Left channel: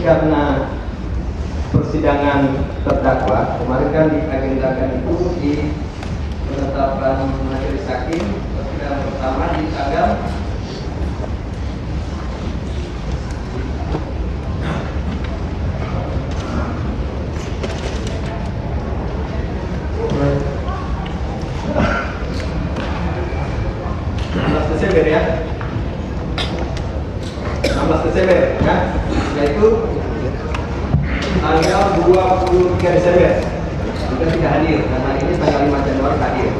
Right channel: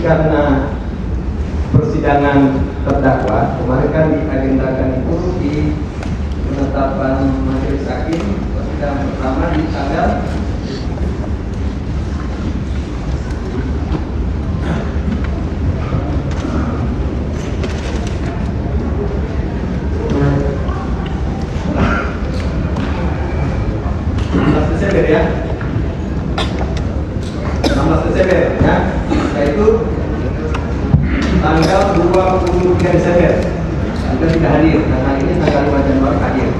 karena persidangan terdakwa kemarin kan diagendakan itu di penetapan majelis hakim persidangan pertama di tanggal Desember ya, 16 Desember ya, yaitu tanggal 23 Desember itu tidak hadir. Nah ini tanggal 5 Januari hadir.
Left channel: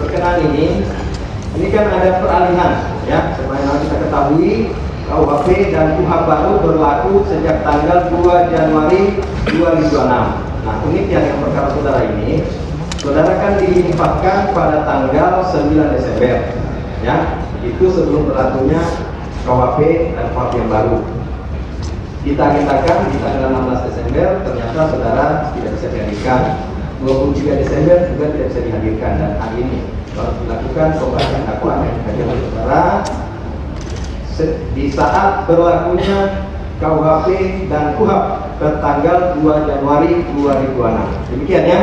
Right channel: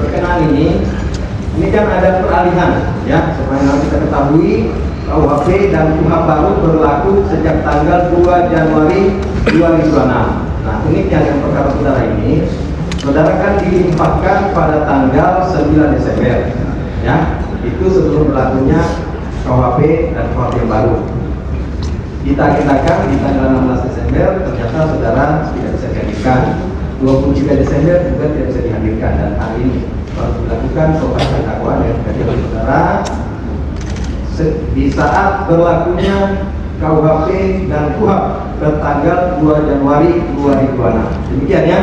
Berkenaan ini kan ada peralihan ya, sebenarnya kita ketahui KUHP dan KUHP baru berlaku sejak tanggal 2 Januari 2026. Nah uniknya dengan perkara saudara ini, saudara kan diinfokan pada tanggal 9 Desember ya, itu sebelum berlakunya KUHP dan KUHP yang baru. Kita di tanggal 16 Desember ternyata saudara tidak bisa dihadirkan, 23 Desember juga tidak bisa dihadirkan, dan hari ini harus dilakukan pembahasan dakwaan dengan kehadiran saudara di saat berlakunya KUHP dan KUHP tertanggal 2 Januari 2026. Demikian ya.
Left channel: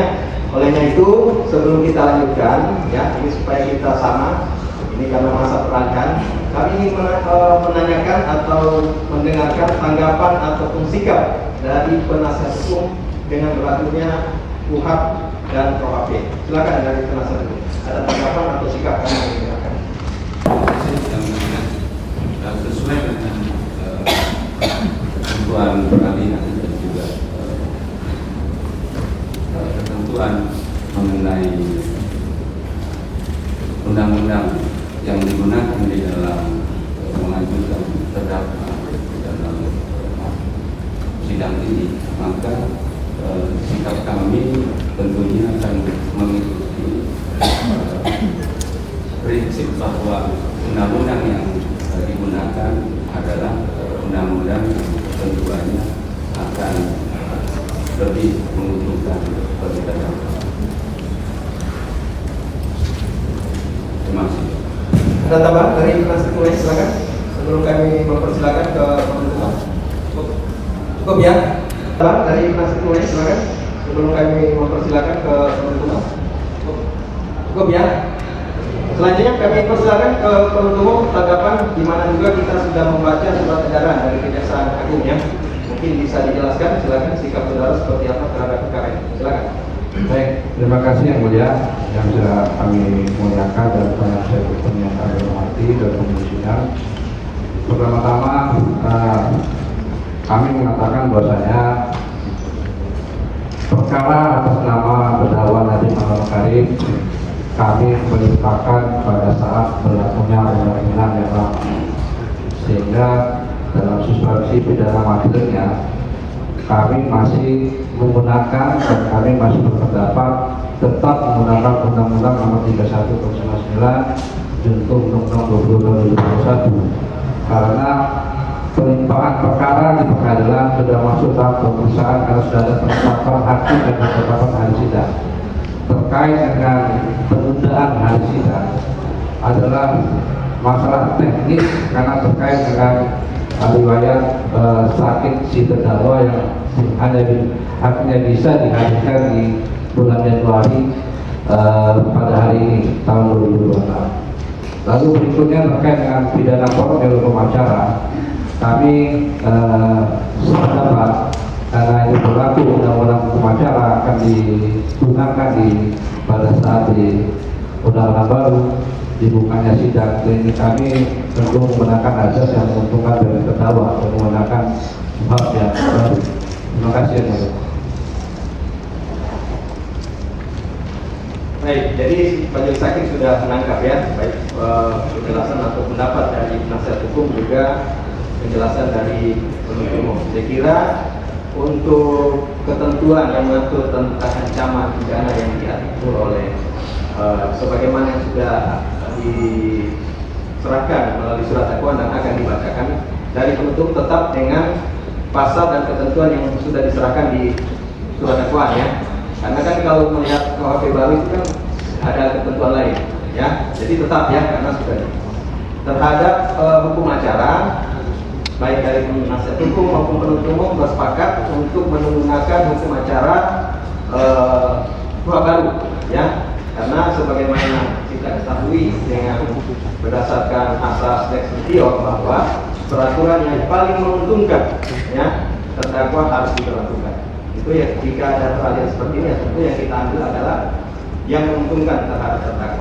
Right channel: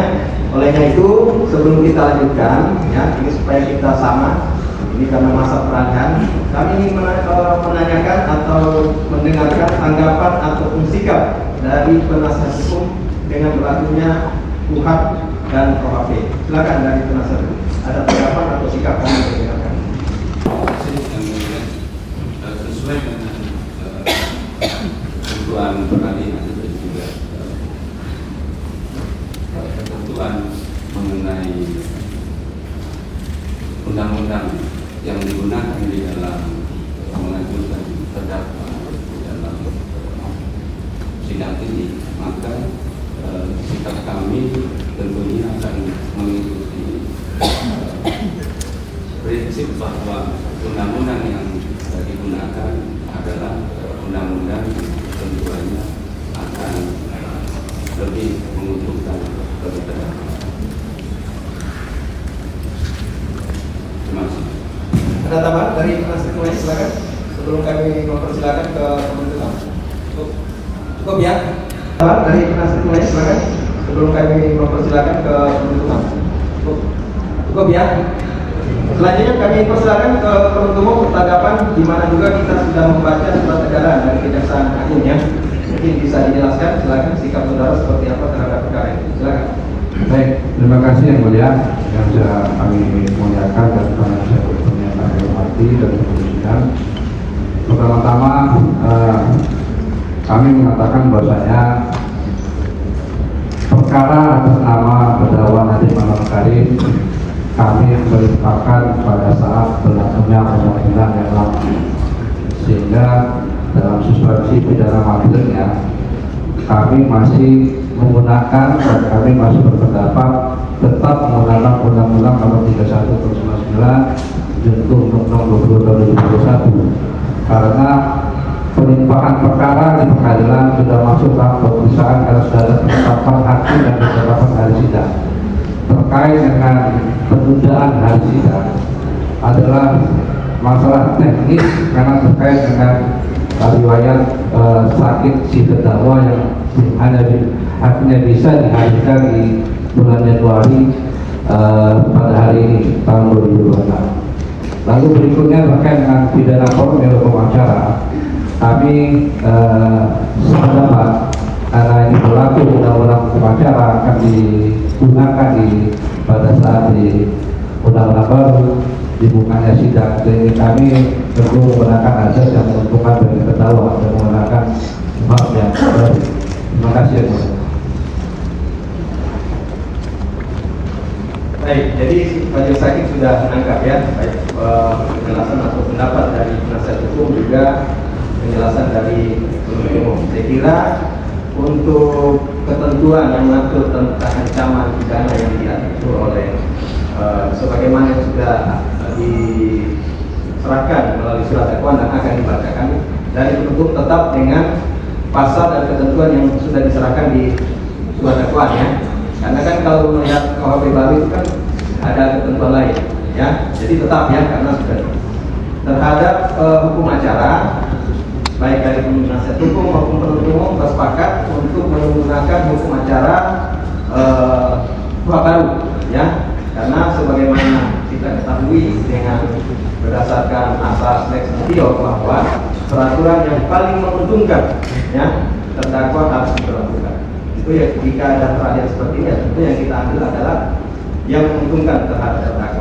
Olehnya itu sebelum kita lanjutkan ya, ini supaya kita sama. Ini karena masa peralihan, kami ingin menanyakan atau mendengarkan tanggapan ataupun sikap dari penasihat hukum dengan berlakunya KUHP dan KUHP. Silakan dari penasihat hukum, ada tanggapan atau sikap yang ingin mendengarkan. Sesuai dengan ketentuan peralihan dan juga ketentuan mengenai undang-undang yang digunakan di dalam mengajukan terdakwa dalam sidang ini, maka sikap kami tentunya akan mengikuti prinsip bahwa undang-undang yang digunakan adalah undang-undang yang tentunya akan lebih menguntungkan bagi terdakwa. Terima kasih. Ada tambahan dari penasihat hukum, silakan. Sebelum kami mempersilakan ke penuntut. Cukup ya. Tambahan dari penasihat hukum, silakan. Sebelum kami mempersilakan ke penuntut. Cukup ya. Selanjutnya kami persilakan ke penuntut umum tanggapan, di mana juga kita sudah membaca surat edaran dari Kejaksaan Agung ya. Mungkin bisa dijelaskan, silakan sikap saudara seperti apa terhadap perkara ini. Silakan. Baik, terima kasih yang mulia yang sudah kami muliakan dan penasihat hukum yang kami hormati dan kemudian pertama-tama kami mengatakan bahwasanya perkara atas nama terdakwa Nadiem Muhammad Makarim kami melimpahkan pada saat berlakunya undang-undang yang lama, sehingga dalam substansi pidana materinya kami masih menggunakan dan kami masih berpendapat tetap menggunakan Undang-Undang Nomor 31 Tahun 99 dan Undang-Undang 20 Tahun 2021, karena pelimpahan perkara di pengadilan sudah masuk tahap pemeriksaan karena sudah ada penetapan hakim dan penetapan hari sidang. Terkait dengan penundaan hari sidang adalah masalah teknis karena terkait dengan riwayat sakit si terdakwa yang hanya bisa dihadirkan di bulan Januari pada hari ini tahun 2026. Lalu berikutnya terkait dengan pidana formil pengacara, kami sependapat karena ini berlaku undang-undang pengacara akan digunakan pada saat di undang-undang baru dibukanya sidang, jadi kami tentu menggunakan azas yang menguntungkan dari terdakwa dan menggunakan hak yang baru. Terima kasih ya, Pak. Baik, jadi majelis hakim sudah menangkap ya, baik penjelasan atau pendapat dari penasihat hukum juga penjelasan dari penuntut umum. Saya kira untuk ketentuan yang mengatur tentang ancaman pidana yang diatur oleh sebagaimana yang sudah diserahkan melalui surat dakwaan dan akan dibacakan dari penuntut tetap dengan pasal dan ketentuan yang sudah diserahkan di surat dakwaan ya. Karena kan kalau melihat KUHP baru itu kan ada ketentuan lain ya. Jadi tetap ya, karena sudah terhadap hukum acara baik dari penasihat hukum maupun penuntut umum bersepakat untuk menggunakan hukum acara kuhap baru, ya, karena sebagaimana kita ketahui dengan berdasarkan asas lex materialis bahwa peraturan yang paling menguntungkan, ya, terdakwa harus diberlakukan. Itu ya, jika ada hal yang seperti ini, ya, tentu yang kita ambil adalah yang menguntungkan terhadap terdakwa.